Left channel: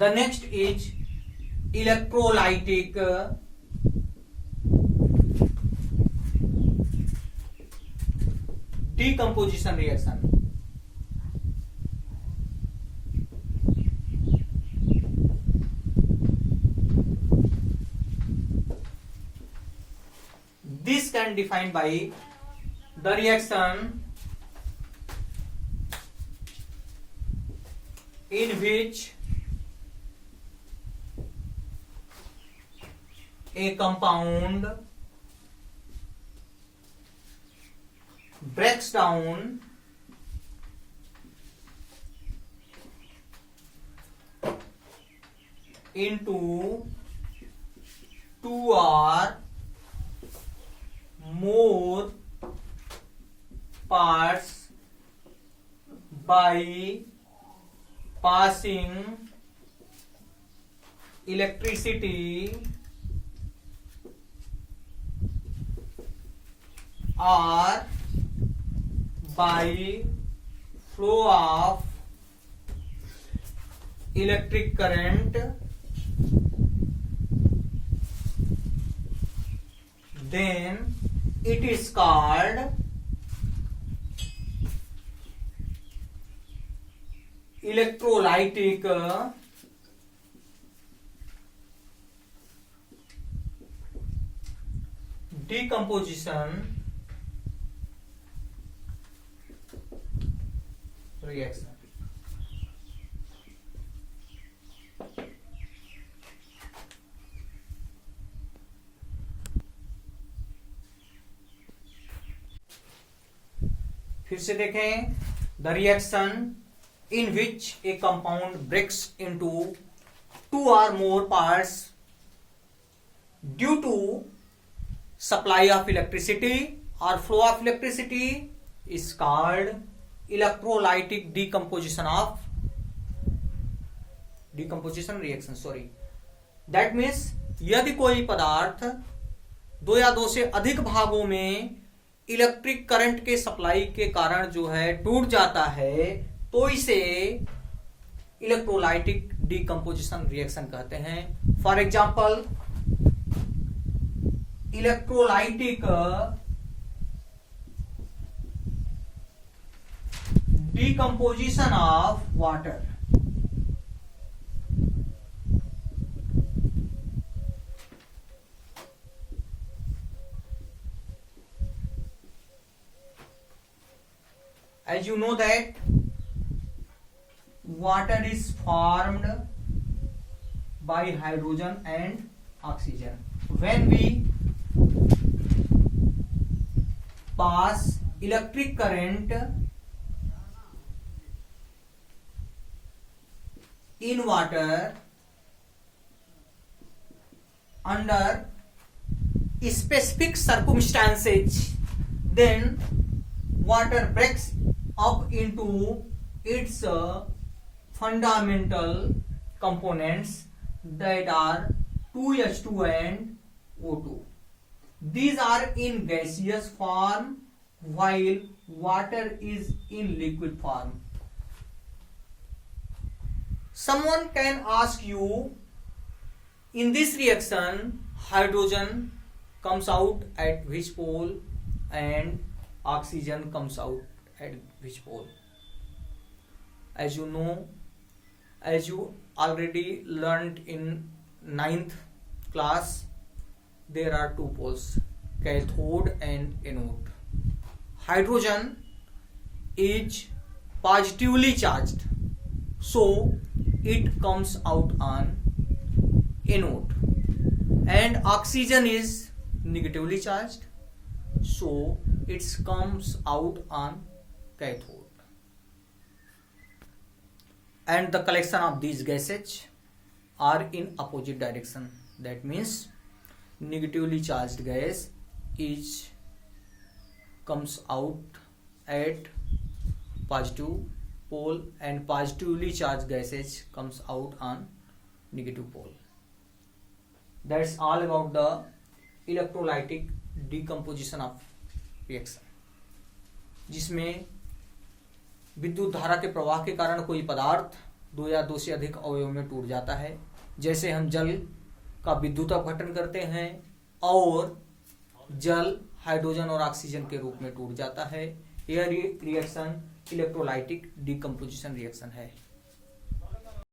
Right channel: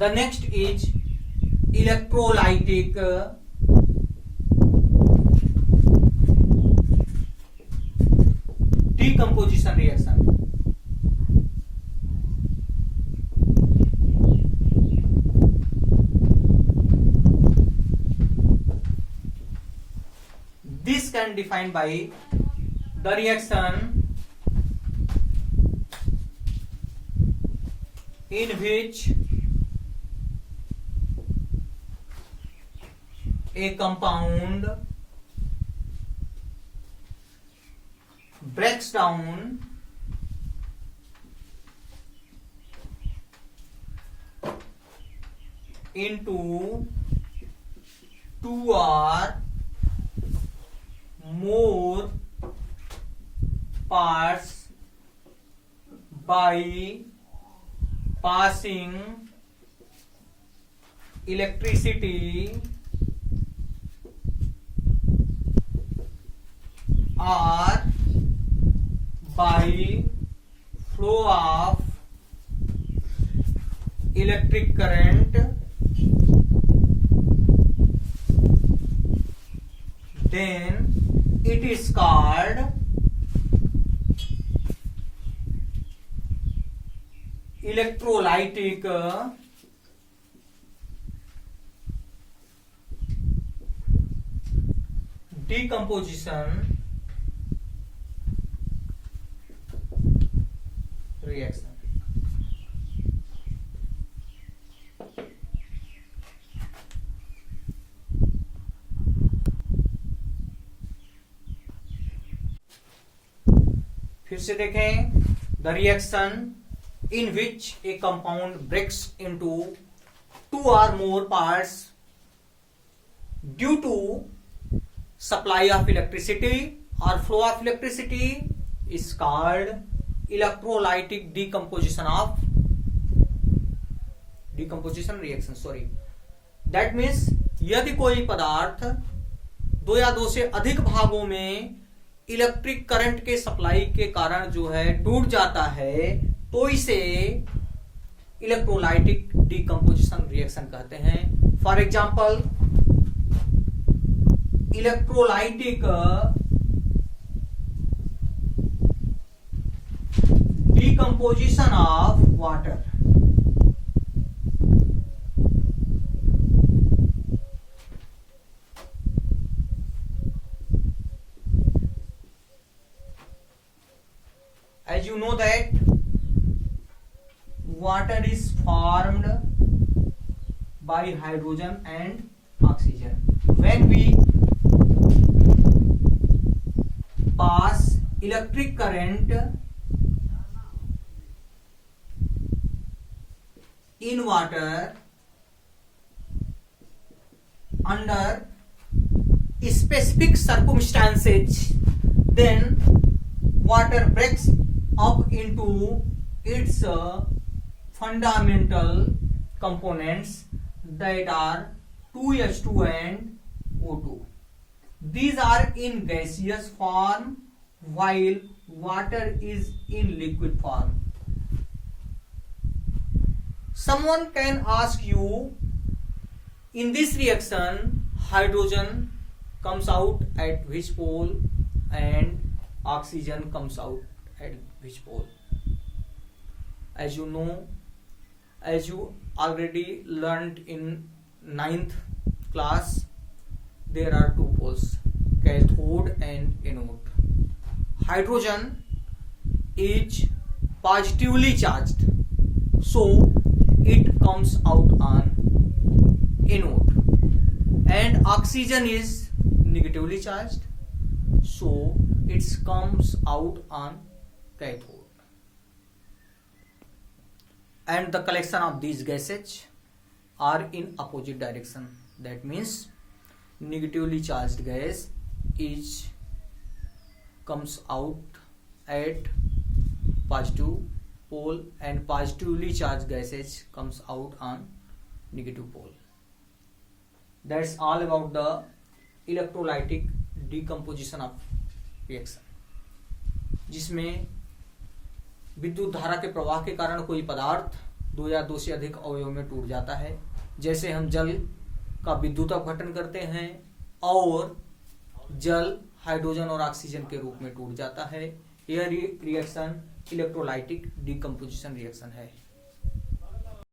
The next is electrolytic decomposition reaction. This can be defined by the reaction in which a compound breaks down into two or more parts by passing electricity or by flow of electric current, then it is called electrolytic decomposition reaction. फिर से देखें, the reaction in which a compound breaks into two और more parts due to supply of electricity और flow of electricity is called electrolytic decomposition reaction. Sorry, that means यदि कोई पदार्थ दो या दो से अधिक भागों में इलेक्ट्रिक करंट के सप्लाई के कारण जो है टूट जाता है, तो इसे इलेक्ट्रोलाइटिक डिकम्पोजिशन रिएक्शन कहते हैं. For example, electrolytic decomposition of water. As you know that water is formed by hydrogen and oxygen. When we pass electric current in water under specific circumstances, then water breaks up into its fundamental components, that are 2H2 and O2. These are in gaseous form while water is in liquid form. Someone can ask you, in this reaction hydrogen comes out at which pole and oxygen comes out at which pole? As you know, as you already learned in 9th class, there are two poles, cathode and anode. Hydrogen is positively charged, so it comes out on anode, and oxygen is negatively charged, so it comes out on cathode. And the collection of these gases are in opposite direction. That means negatively charged gas comes out at positive pole, and positively charged gases comes out on negative pole. That's all about the electrolytic decomposition of reaction, जिसमें विद्युत धारा के प्रवाह के कारण कोई पदार्थ दो या दो से अधिक अवयव में टूट जाता है। जैसे हम जल का विद्युत अपघटन करते हैं और जल हाइड्रोजन और ऑक्सीजन के रूप में टूट जाता है। यह रिएक्शन इलेक्ट्रोलाइटिक डिकम्पोजिशन रिएक्शन है।